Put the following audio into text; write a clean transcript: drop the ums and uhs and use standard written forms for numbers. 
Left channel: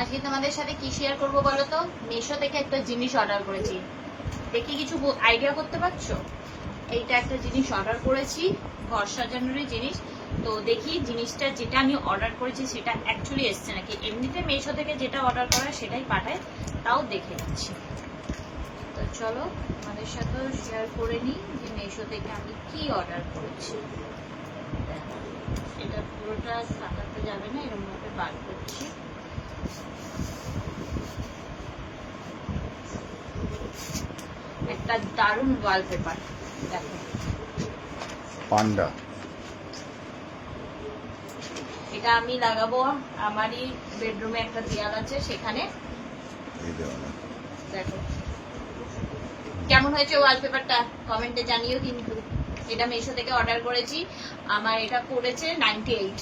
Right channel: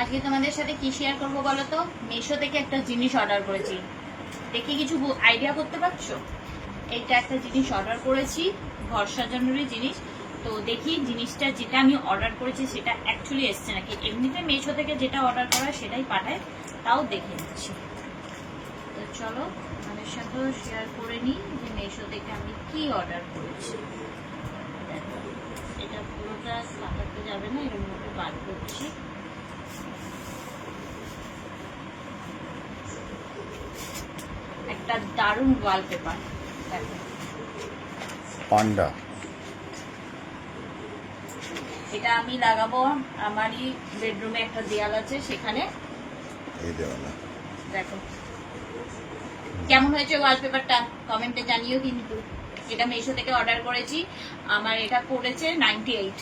আজকে তোমাদের সাথে কি শেয়ার করবো বলো তো? মিশো থেকে একটা জিনিস অর্ডার করেছি, দেখি কিছু আইডিয়া করতে পারছো? এইটা একটা জিনিস অর্ডার করেছি, ঘর সাজানোরই জিনিস। তো দেখি জিনিসটা যেটা আমি অর্ডার করেছি সেটা অ্যাকচুয়ালি এসছে নাকি। এমনিতে মিশো থেকে যেটা অর্ডার করা সেটাই পাঠায়, তাও দেখে নিচ্ছি। তো চলো আমাদের সাথেও শেয়ার করে নিই যে মিশো থেকে আমি কি অর্ডার করেছি। এটা পুরোটা লাগাতে যাবে না, এরকম ভাবে বার করছি। একটা দারুণ ওয়ালপেপার দেখো, পান্ডা। এটা আমি লাগাবো আমারই বেডরুমে, একটা দেয়াল আছে সেখানে। এই দেওয়ালা দেখো কেমন হয়েছে ওয়ালপেপারটা, কমেন্টে জানিও কিন্তু। এটা মিশো থেকে অর্ডার করেছি, আমার এটা পড়েছে 98।